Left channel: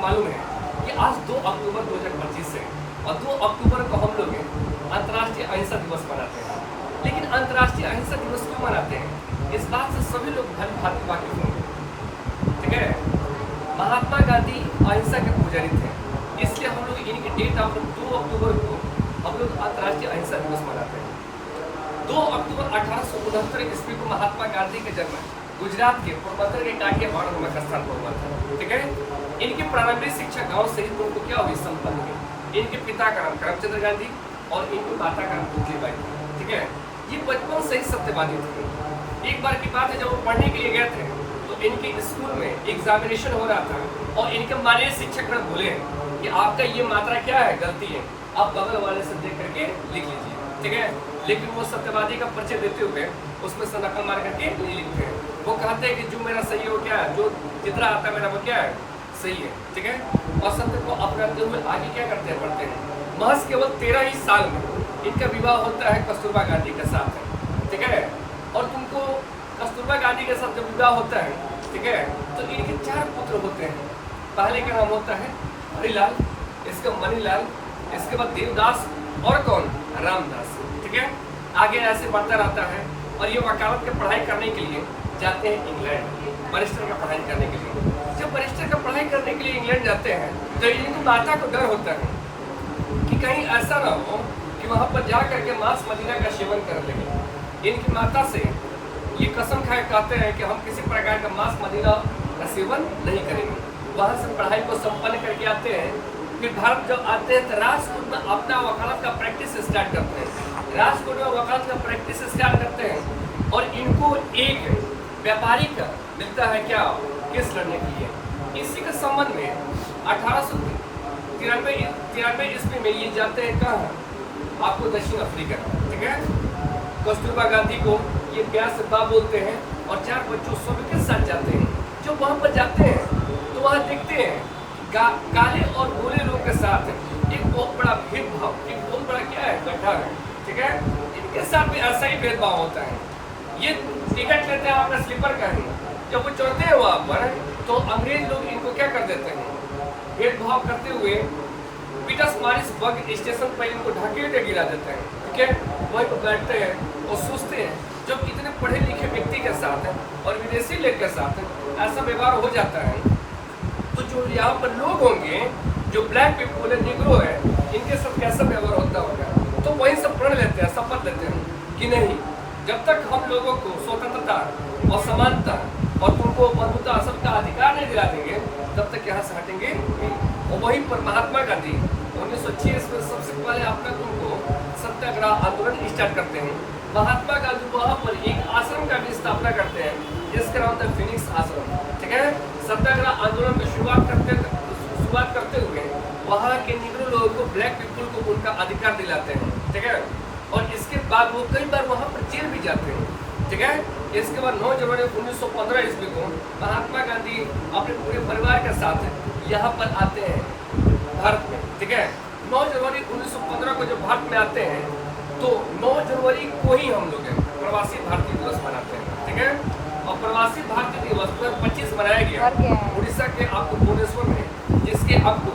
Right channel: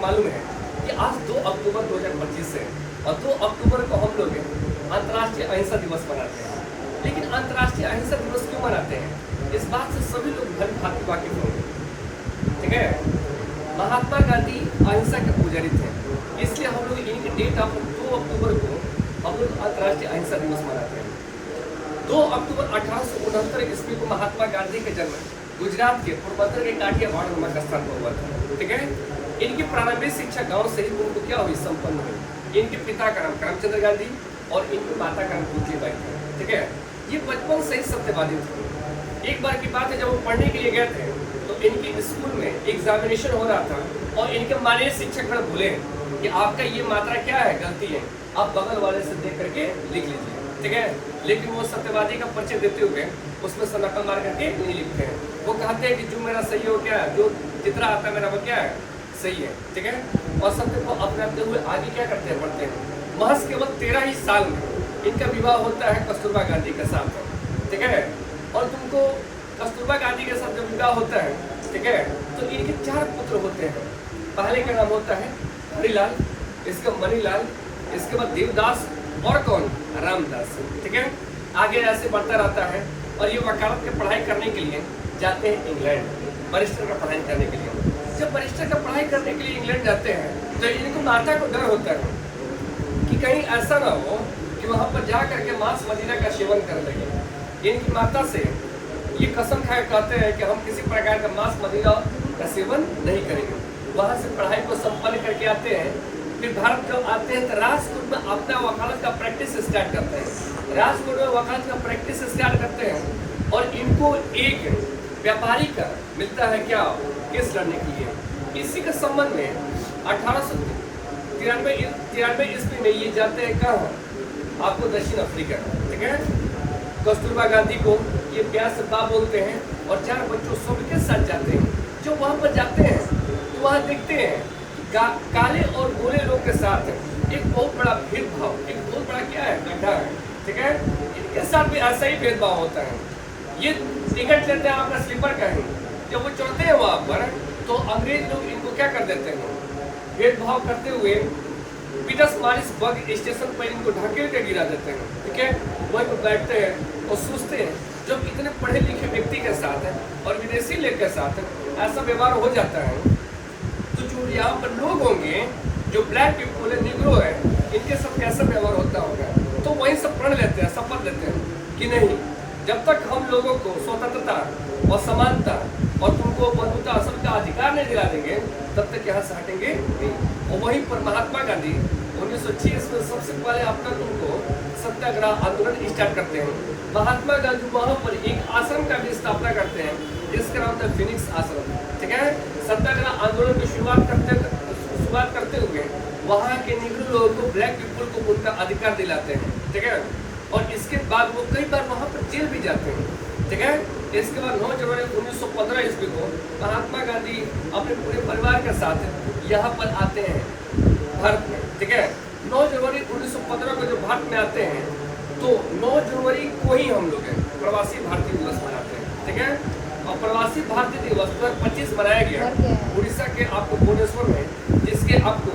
मालूम है कि आज 2 अक्टूबर 2025 है और 2 अक्टूबर को हम लोग अंतर्राष्ट्रीय अहिंसा दिवस मनाते हैं। लेकिन अंतर्राष्ट्रीय अहिंसा दिवस क्यों मनाते हैं, इस बात से सभी लोग भली भांति वाकिफ होंगे। ठीक है, महात्मा गांधी अहिंसा के पुजारी थे, इसलिए हम लोग इनकी डेट ऑफ 2 अक्टूबर को हम लोग अंतर्राष्ट्रीय अहिंसा दिवस मनाते हैं। 2 अक्टूबर 1869 ईस्वी को महात्मा गांधी का जन्म गुजरात के पोरबंदर के काठियावाड़ नामक स्थान पर हुआ था। ठीक है, इनकी प्रारंभिक शिक्षा गांव से ही उनको क्या हुई, संपन्न हुई। इनके पिता का नाम करमचंद गांधी और इनकी माता का नाम पुतलीबाई था। ठीक है, ये बचपन से ही सत्यवादी थे। एक बार की बात है, जब वो पढ़ने के लिए गए थे तो इनके स्कूल में एग्जामिनेशन हो रहा था और इनके माननीय शिक्षक बोले कि आपका ये मात्रा क्या है, गलती है, आप बगल वाले से देख करके लिख लीजिए। ठीक है, लेकिन वो सत्यवादी का परिचय देते हुए उसमें से नकल मार करके नहीं लिखते हैं। वो कहते हैं कि जो मेरा सही हो क्या है, जो जितना आता है मेरा वो क्या है, सही है। ठीक है, और सत्य को अपनाते हुए आगे क्या करते हैं, बढ़ते हैं। महज केवल 13 ही साल में इनका विवाह होता है कस्तूरबा गांधी के साथ। ठीक है, और तुमको कस्तूरबा गांधी के साथ जब विवाह होता है, ठीक है, तो इनके 4 पुत्र होते हैं। पहले का नाम होता है हरिलाल, इसका मणिलाल, इसके बाद देवदास और कौन, रामदास। ठीक है, आगे ऐसे बढ़ता रहता है और ये वकालत की पढ़ाई करने के लिए जाते हैं इंग्लैंड, बैरिस्टर का पढ़ाई करने के लिए। जब बैरिस्टर का पढ़ाई करने के लिए इंग्लैंड जाते हैं तो इनको माता को डर होता है कि कहीं ऐसा ना हो कि वहाँ पर जा करके मांस मदिरा का सेवन कर लगे। इनकी माता से ये कसम खाए कहते हैं कि हम किसी प्रकार का मांस मदिरा का सेवन नहीं करेंगे। वहाँ से पढ़ाई को संपन्न करके आते हैं, फिर भारत जब आते हैं तो राजकोट में अपना वकालत का प्रैक्टिस स्टार्ट करते हैं। राजकोट में वकालत का प्रैक्टिस स्टार्ट करते हैं और इनको एक व्यापारी का मिलता है क्या, केस लड़ने के लिए। इसी के संबंध में 1893 ईस्वी में ये जाते हैं कहाँ, आपको दक्षिण अफ्रीका। ठीक है, कस्तूरबा गांधी को ये प्यार से बा बोलते हैं और 4 बच्चों सब के साथ जाते हैं। जब वहाँ पर जाते हैं तो वहाँ देखते हैं काले और गोरे लोग के साथ एक बहुत बड़ा भेदभाव, एक बहुत बड़ा क्या है, गड्ढा है। ठीक है, इनके साथ भी ऐसा ही भेदभाव होता है। ये टिकट लेते हैं अपना स्लीपर का ही, जब वो चढ़ते हैं वहाँ पर तो अंग्रेज लोग इनको क्या कर देते हैं, भेदभाव करते हुए पीटर्स मारिस बग स्टेशन पर इनको ढकेल के गिरा देते हैं। ठीक है, वहीं पर बैठते हैं और सोचते हैं जब इतने पढ़े लिखे व्यक्ति के साथ और विदेशी लोग के साथ ऐसा व्यवहार हो जाता है तो जो यहाँ पर लोग होंगे, जो ब्लैक पीपल है, निग्रो है, इनके साथ कैसा व्यवहार होता होगा। तो वहीं से प्रण लेते हैं, शपथ लेते हैं कि नहीं, जब तक हम लोगों को स्वतंत्रता और समानता और तुमको बंधुता सबका अधिकार नहीं दिला देंगे तब तक यहाँ से हटेंगे नहीं। और वहीं पर महात्मा गांधी 1906 में सबसे पहले अपना तुमको सत्याग्रह आंदोलन स्टार्ट करते हैं। महात्मा गांधी वहाँ पर एक आश्रम का भी स्थापना करते हैं जिसका नाम था फिनिक्स आश्रम। ठीक है, सत्याग्रह आंदोलन की शुरुआत करते हुए वहाँ के निग्रो लोगों को, ब्लैक पीपल को उनका अधिकार दिलाते हैं। ठीक है, और इसके बाद वो कई बार वहाँ पर जेल भी जाते हैं। ठीक है, इसके बाद 9 जनवरी 1915 ईस्वी को महात्मा गांधी अपने पूरे परिवार के साथ यहाँ पर आते हैं भारत में। ठीक है, 9 जनवरी 1915 को जब भारत में आते हैं तो 9 जनवरी को ही हम लोग प्रवासी भारतीय दिवस मनाते हैं। ठीक है, और प्रवासी भारतीय दिवस 2025 मनाया गया उड़ीसा के आपको भुवनेश्वर में, जिसके आपको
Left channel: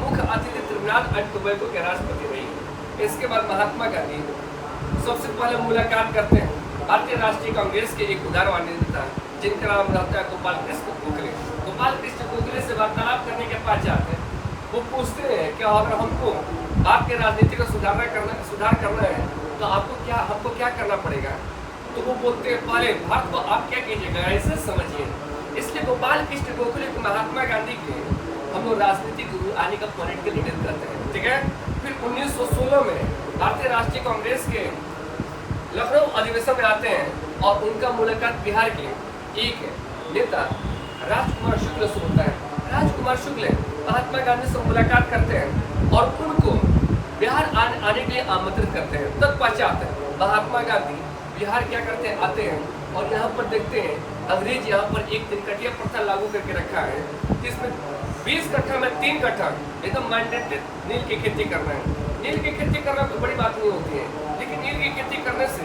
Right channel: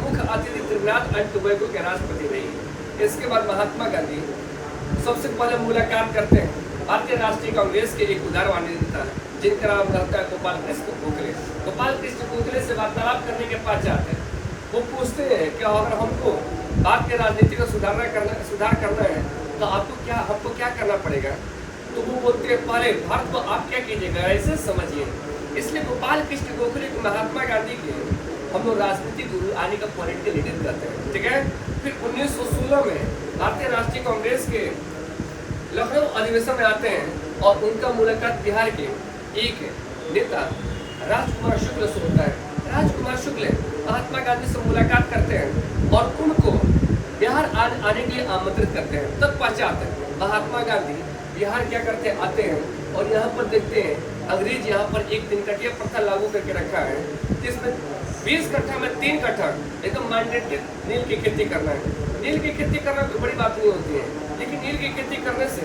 मुख्य अतिथि त्रिनाथ एंड टोबैगो के राष्ट्रपति रही। इसके बाद महात्मा गांधी सबसे पहले मुलाकात करते हैं भारतीय राष्ट्रीय कांग्रेस के एक उदारवादी नेता जिनका नाम रहता है गोपाल कृष्ण गोखले। गोपाल कृष्ण गोखले से वार्तालाप करने के पश्चात वो पूछते हैं कि अगर हमको भारत के राजनीति को सुधार करना है तो हमको क्या करना पड़ेगा। तो वो बोलते हैं पहले भारत को आप क्या कीजिएगा, ऐसे समझिए। इसलिए गोपाल कृष्ण गोखले को महात्मा गांधी के हम लोग राजनीतिक गुरु आने का पॉइंट के लीडर करते हैं। ठीक है, फिर 1916 में भारतीय राष्ट्रीय कांग्रेस के लखनऊ अधिवेशन में आते हैं और उनका मुलाकात बिहार के एक नेता राजकुमार शुक्ल से होता है। राजकुमार शुक्ल महात्मा गांधी से मुलाकात करते हैं और उनको बिहार आने के लिए आमंत्रित करते हैं। तत्पश्चात महात्मा गांधी बिहार क्या करते हैं, आते हैं और यहाँ पर देखते हैं अंग्रेज यहाँ पर एक 3 कटिया प्रथा लागू करके रखा है, जिसमें 20 कट्ठा में 3 कट्ठा एकदम मैंडेटेड नील की खेती करना है। नील की खेती करना कोई बड़ी बात नहीं होती है, लेकिन नील की खेती करने से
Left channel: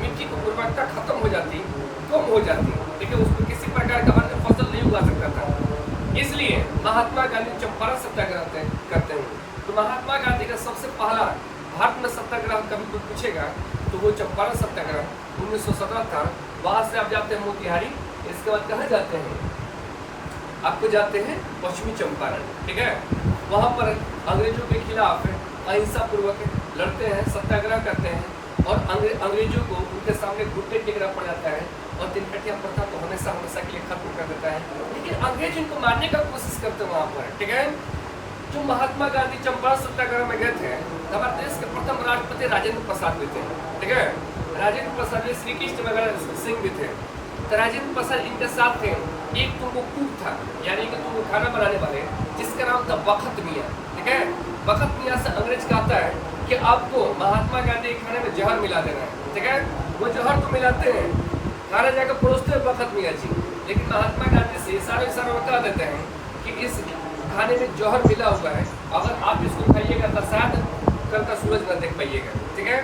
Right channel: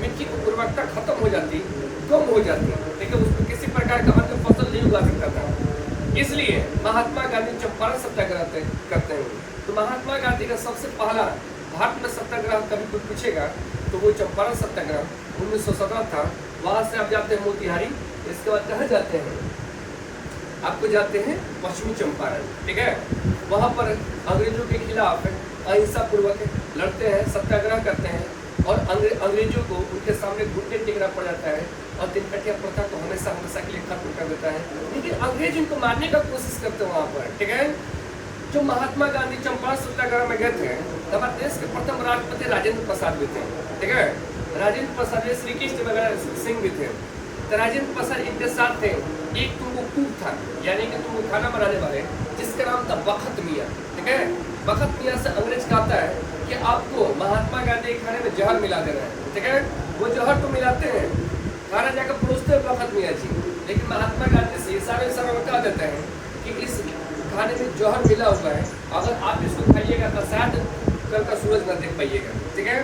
मिट्टी की उर्वरकता खत्म हो जाती, कम हो जाती, लेकिन उसमें किसी प्रकार का अन्य फसल नहीं उगा सकता था। इसलिए महात्मा गांधी चंपारण सत्याग्रह करते हैं। तो महात्मा गांधी का सबसे पहला भारत में सत्याग्रह कभी कोई पूछेगा तो वो चंपारण सत्याग्रह 1917 था। वहां से आप जाते हैं मोतिहारी, इसके बाद कहाँ जाते हैं, आपको जाते हैं पश्चिमी चंपारण, ठीक है। वहां पर अंग्रेजों के खिलाफ अहिंसा पूर्वक लड़ते हैं, सत्याग्रह करते हैं और अंग्रेजों को उनके सामने घुटने टेकना पड़ जाता है और तिनकटिया प्रथा तो हमेशा हमेशा के लिए खत्म कर देता है। लेकिन अंग्रेज इनको मारने का कोशिश करते हैं वहाँ पर, ठीक है। जो महात्मा गांधी चंपारण सत्याग्रह में गए थे, हमारे देश के प्रथम राष्ट्रपति राजेंद्र प्रसाद भी थे, ठीक है। राजेंद्र प्रसाद श्री कृष्ण वगैरह सिंह भी थे। तो राजेंद्र प्रसाद इनके साथ थे। एक तुमको कुक था, यानी कि तुमको खाना बनाने वाले, जिसका नाम था बखत मियाँ, ठीक है। बखत मियाँ से अंग्रेज कहता है कि आपको महात्मा गांधी के खाने में जहर मिला देना है, ठीक है। वो जहर तो मिलाते हैं, खाना जाकर परोसते हैं बखत मियाँ जी, लेकिन महात्मा गांधी से इशारे में कह देते हैं कि इस खाने में जहर मिला हुआ है, अगर आप इसको खाइएगा तो शायद कल का सूरज न देख पाइएगा, ठीक है।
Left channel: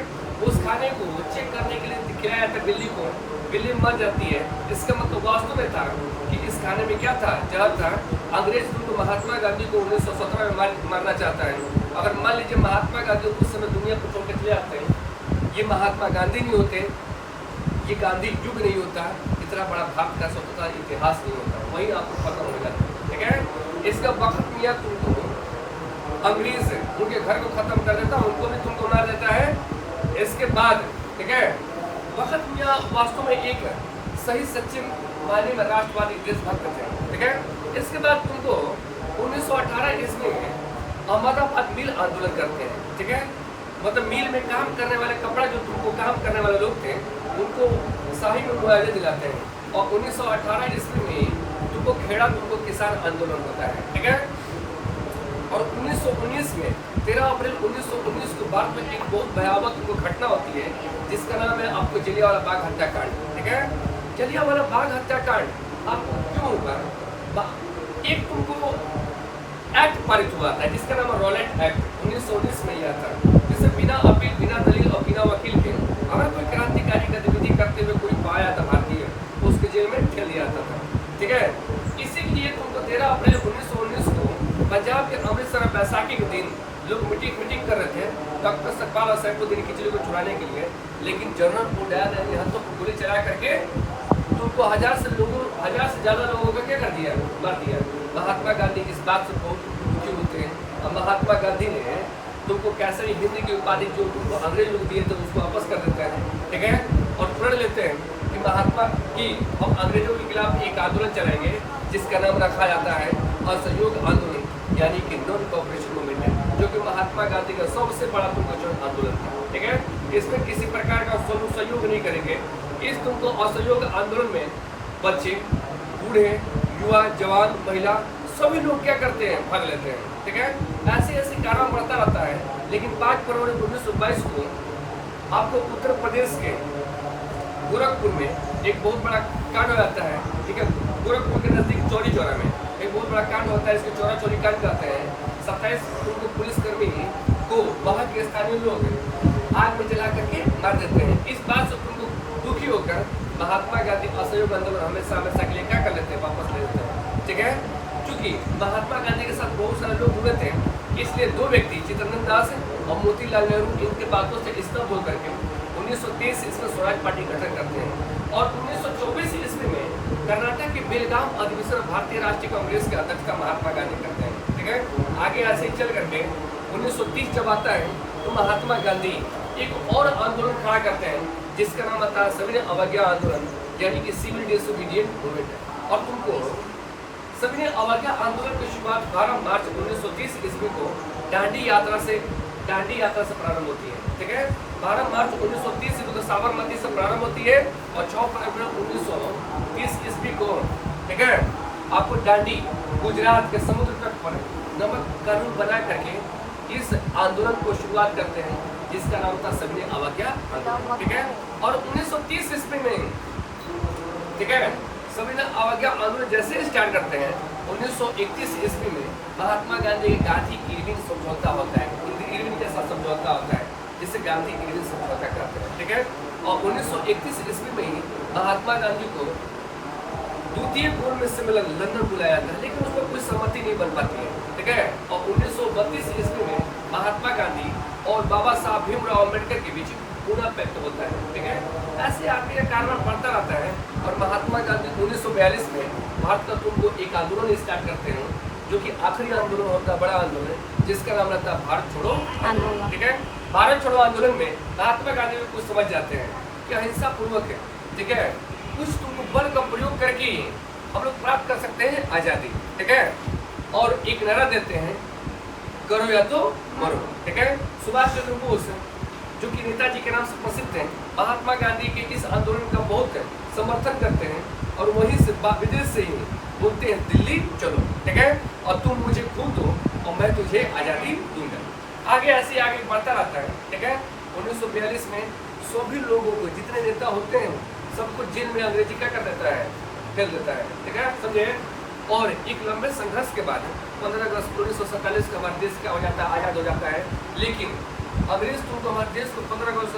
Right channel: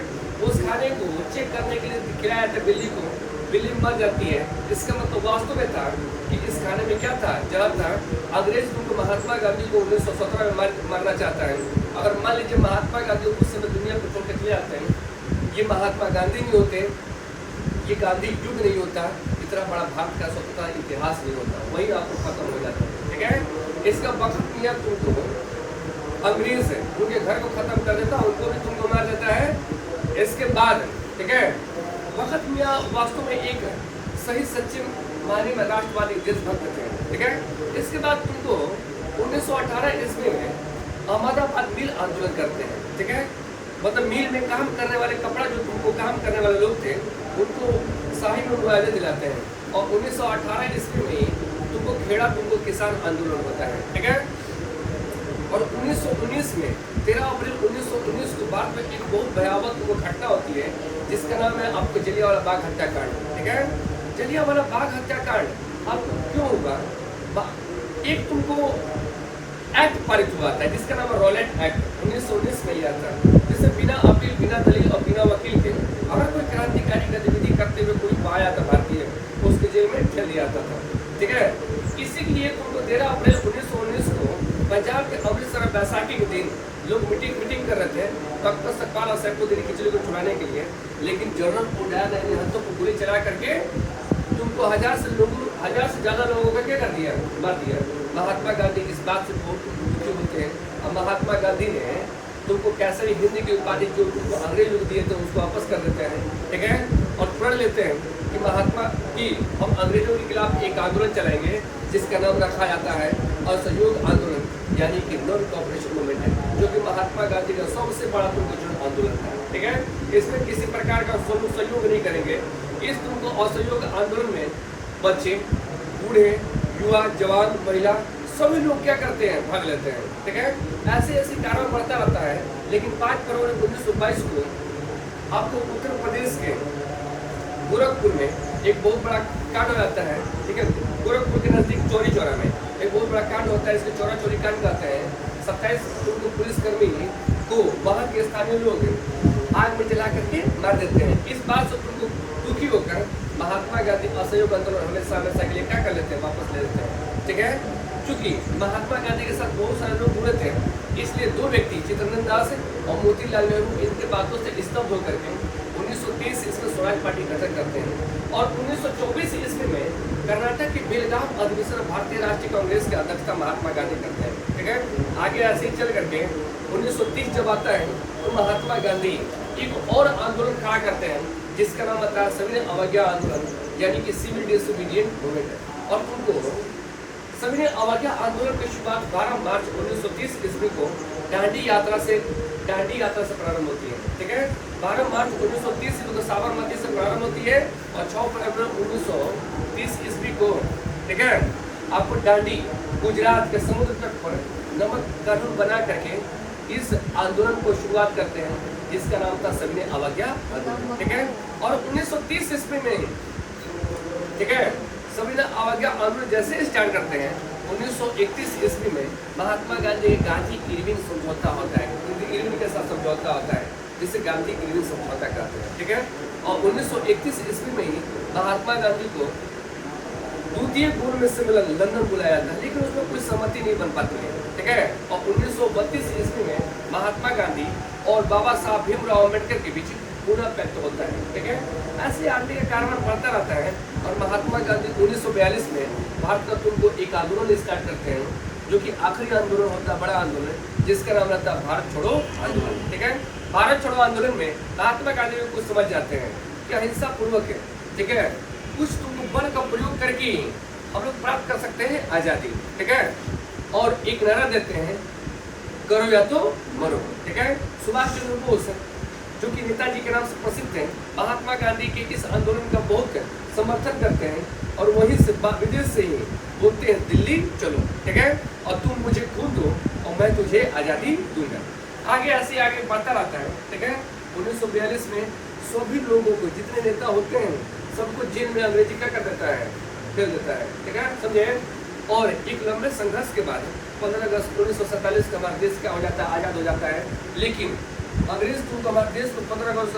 उस खाने को चेक करने के लिए खिलाया था बिल्ली को, बिल्ली मर जाती है। इसका मतलब वास्तव में था कि इस खाने में क्या था, जहर था। अंग्रेज तो महात्मा गांधी को 1917 में मारना चाहता है। अगर मान लीजिए महात्मा गांधी उस समय दुनिया को छोड़ के चले जाते हैं, ये महात्मा गांधी नहीं होते, ये गांधी युग नहीं होता, इतना बड़ा भारत का स्वतंत्रता इतिहास नहीं होता, वही आपको खत्म हो जाता है, ठीक है। इसका बखत मियाँ तुमको अंग्रेज है उनके घर को खत्म कर देता, उनको भी तुमको मार देता है। इसके बाद, ठीक है, बखत मियाँ वास्तव में एक सही सच्ची मायने में राष्ट्रवादी देशभक्त थे, ठीक है। इसके बाद तुमको 1918 ईस्वी में अहमदाबाद मिल आंदोलन करते हैं, ठीक है। मतलब मिल में काम करने वाले, कपड़ा जो तुमको काम करने वाले लोग थे उनको शाही में मुआवजा दिलाते हैं। और 1918 ईस्वी में तुमको खेड़ा तुमको किसान आंदोलन होता है, ठीक है। और 1919 में 13 अप्रैल 1919 को भारत में एक बहुत भयावह तुमको घटना होती है, जिसका नाम है आपको जलियांवाला बाग हत्याकांड, ठीक है। जलियांवाला बाग हत्याकांड आपको क्यों हुआ, एक तुमको एक्ट पारित हुआ था जिसका नाम है रॉलेट एक्ट, 1919 में यह था, जिससे बिना अपील, बिना दलील और बिना वकील के अगर कोई क्रांतिकारी गतिविधि करते हुए कोई पाया था भारतीय तो उसके जेल में ठेल दिया जाता था, ठीक है। इसीलिए तुमको 13 अप्रैल 1919 को पंजाब के अमृतसर बैसाखी के दिन लोग मीटिंग कर रहे थे डॉक्टर सतपाल और सैफुद्दीन खिचड़ी को छुड़ाने के लिए, लेकिन जनरल उड़ाया ने हाथों को गोली चला करके तुमको 1000 से ज़्यादा लोगों का क्या कर दिया, मार दिया। महात्मा गांधी इस बात से बहुत दुखी होते हैं और महात्मा गांधी ने तुमको कैसे हिंदी की उपाधि जो तुमको अंग्रेज लोग दिए थे उसको वापस कर देते हैं, ठीक है। और प्रण लेते हैं कि महात्मा की हम अंग्रेजों के खिलाफ एक आंदोलन चलाएंगे जिसका नाम रखा जाता है असहयोग आंदोलन, यानी कि नॉन कोऑपरेशन मूवमेंट है, जो कि महात्मा गांधी का सबसे बड़ा तुमको जो आंदोलन था, ठीक है। इसमें किसी प्रकार का सहयोग नहीं करेंगे। इस तुमको असहयोग आंदोलन में बच्चे, बूढ़े, युवा, जवान, महिला सभी लोग क्या करते हैं, भाग लेते हैं, ठीक है। ऐसे ऐसे कारवां बढ़ता रहता है। लेकिन 5 फरवरी 1922 को आपको उत्तर प्रदेश के गोरखपुर में एक बहुत बड़ा कांड हो जाता है, ठीक है। गोरखपुर के नजदीक चौरी चौरा में एक बहुत बड़ा कांड होता है, इसको चौरा चौरी कांड कहते हैं। 27 उनको पुलिसकर्मी को वहाँ के स्थानीय लोग आग में जला करके मार देते हैं। इस बात से तुमको दुखी होकर महात्मा गांधी असहयोग आंदोलन हमेशा के लिए क्या कर लेते हैं, वापस ले लेते हैं, ठीक है। चूंकि महात्मा गांधी के साथ बहुत सारे लोग जुड़े थे, इसलिए 2 व्यक्ति चित्तरंजन दास और मोतीलाल नेहरू इनके बातों से स्तब्ध होकर के 1923 इसमें स्वराज पार्टी गठन करते हैं। और 1924 ईस्वी में कर्नाटक के बेलगाम अधिवेशन भारतीय राष्ट्रीय कांग्रेस के अध्यक्ष का महात्मा गांधी करते हैं, ठीक है। आगे ऐसे ही चल करके 1930 जब आता है तो महात्मा गांधी एक और आंदोलन खड़ा करते हैं जिसका नाम आता है सविनय अवज्ञा आंदोलन, यानी कि सिविल डिसोबीडिएंट मूवमेंट है। और तुमको सविनय अवज्ञा आंदोलन की शुरुआत 12 मार्च 1930 ईस्वी को दांडी यात्रा से प्रारंभ होती है, ठीक है। 12 मार्च 1930 ईस्वी को साबरमती से प्रारंभ होती है और 6 फरवरी 1930 ईस्वी को, ठीक है, आपको दांडी गुजरात के समुद्र तट पर नमक कानून बना करके इस आंदोलन को शुरुआत करते हैं जिसका नाम था सविनय अवज्ञा आंदोलन, ठीक है। और 1930 ईस्वी में, ठीक है, सविनय अवज्ञा आंदोलन जैसे स्टार्ट करते हैं 1931 ईस्वी में महात्मा गांधी के गांधी इरविन समझौता होता है, इरविन के साथ समझौता होता है जिसे गांधी इरविन समझौता कहते हैं, ठीक है। और 1931 ईस्वी में ही महात्मा गांधी को द्वितीय पूर्ण सम्मेलन लंदन बुलाया था, लेकिन उसमें कोई सहमति नहीं बन पाती है, ठीक है। और 1932 ईस्वी में महात्मा गांधी और बाबा साहब भीमराव अम्बेडकर के बीच पुनः पैक्ट होता है, ठीक है। ऐसे आदमी का कारण बढ़ता रहता है और महात्मा गांधी 1942 में भारत का तुमको एक आंदोलन स्टार्ट करते हैं, जो कि आखिरी आंदोलन होता है, बड़ा आंदोलन, जिसका नाम रहता है भारत छोड़ो आंदोलन, ठीक है। भारत छोड़ो आंदोलन में महात्मा गांधी को कुछ समझ जाते हैं कि अहिंसा पूर्वक है, ठीक है, कुछ तुमको बल का प्रयोग करके हम लोग प्राप्त कर सकते हैं आजादी, ठीक है। और एक नारा देते हैं, करो या तो मरो, ठीक है। सुभाष चंद्र बोस, जो कि नेताजी के नाम से प्रसिद्ध हैं, महात्मा गांधी के इस आंदोलन का बहुत समर्थन करते हैं और वहीं से विदेश से ही बोलते हैं, दिल्ली चलो, ठीक है, और तुम मुझे खून दो और मैं तुझे आज़ादी दूंगा। आगे ऐसे आगे बढ़ता रहता है, ठीक है। 1942 में सभी लोगों को, जितने नेता होते हैं, सबको जेल में अंग्रेजी क्या कर देता है, फेल देता है, ठीक है, समझे। और एक लंबे संघर्ष के बाद 15 अगस्त 1947 का हमारा देश क्या हो जाता है, आज़ाद हो जाता है। लेकिन अंग्रेज तुमको हमारे देश को 15 अगस्त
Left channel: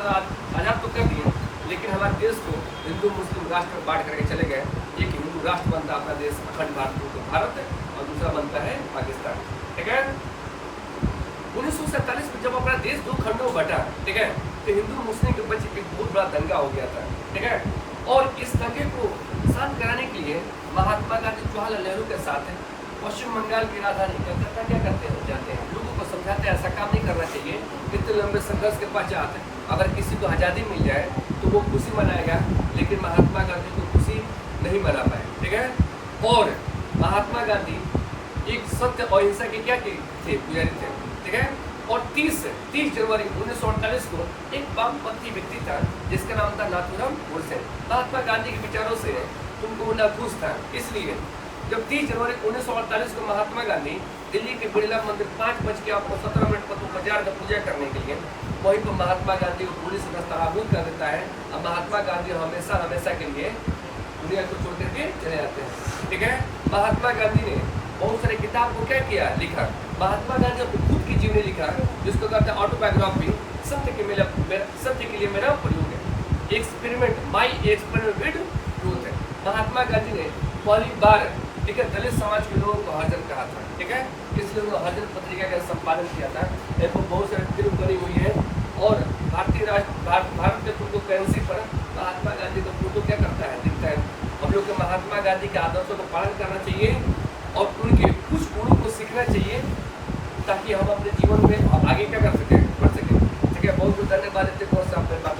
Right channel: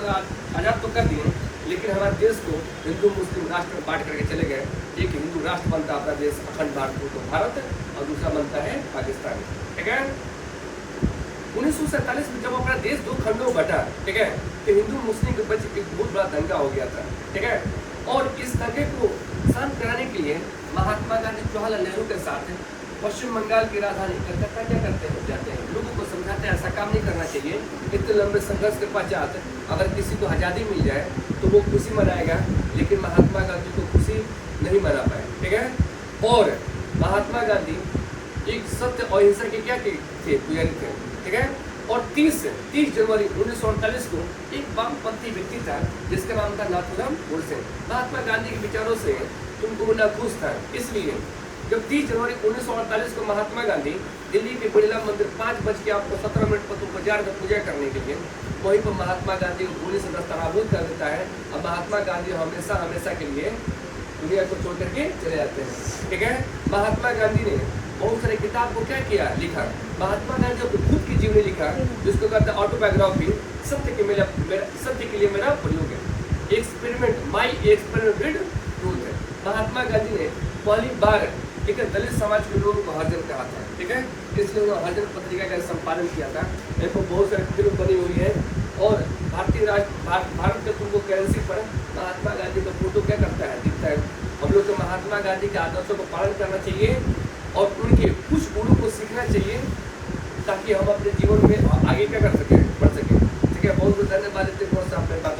आज़ाद तो कर दिए, लेकिन हमारे देश को हिंदू मुस्लिम राष्ट्र में बांट करके चले गए। एक हिंदू राष्ट्र बनता है अपना देश अखंड भारत को भारत, और दूसरा बनता है पाकिस्तान, ठीक है। 1947 में जब अपना देश दो खंडों में बटा, ठीक है, तो हिंदू मुस्लिम के बीच एक बहुत बड़ा दंगा हो गया था, ठीक है। और इस दंगे को शांत कराने के लिए महात्मा गांधी जवाहरलाल नेहरू के साथ पश्चिम बंगाल की राजधानी कलकत्ता क्या करते हैं, जाते हैं, लोगों को समझाते हैं ऐसा काम नहीं करना चाहिए। इतने लंबे संघर्ष के पश्चात अगर किसी को आज़ादी मिल जाए तो वो खुशी मनाएगा, लेकिन महात्मा गांधी को खुशी नहीं मना पाए, ठीक है। और महात्मा गांधी एक सत्य और अहिंसा के क्या थे, पुजारी थे, ठीक है। और 30 जनवरी 1948 को एक वामपंथी व्यक्ति था जिसका नाम था नाथूराम गोडसे। महात्मा गांधी के विचारों से तुमको वो नाखुश था, इसलिए जब 30 जनवरी 1948 को महात्मा गांधी दिल्ली के बिरला मंदिर 5:17 पर तुमको जा रहे पूजा करने के लिए, वहीं पर महात्मा गांधी को पुलिस दस्तावेज कर देता है और महात्मा गांधी हमेशा हमेशा के लिए दुनिया को छोड़ करके चले जाते हैं, ठीक है। महात्मा गांधी ने बहुत सारे किताब को क्या किया, लिखा। महात्मा गांधी ने खुद की जीवनी लिखा, जिसको कहते हैं ऑटोबायोग्राफी, सत्य के लिए मेरा प्रयोग है, experiment my experiment with truth है। महात्मा गांधी ने पहली बार, ठीक है, दलित समाज के लोगों को हरिजन कहा था, ठीक है, इसलिए उन्होंने हरिजन पत्रिका का संपादन किया था। इनको बहुत सारी फिल्म बनी हुई है और भारत के तुमको करेंसी पर महात्मा गांधी का फोटो क्या करता है, दिखता है। हम लोग को महात्मा गांधी के आदर्शों को पालन करना चाहिए और उनके कुछ गुणों को सीखना चाहिए, ताकि हम अपने जीवन में आगे क्या कर सकें, बढ़ सकें, ठीक है। बहुत बहुत धन्यवाद। इतने बहुत से आपने बात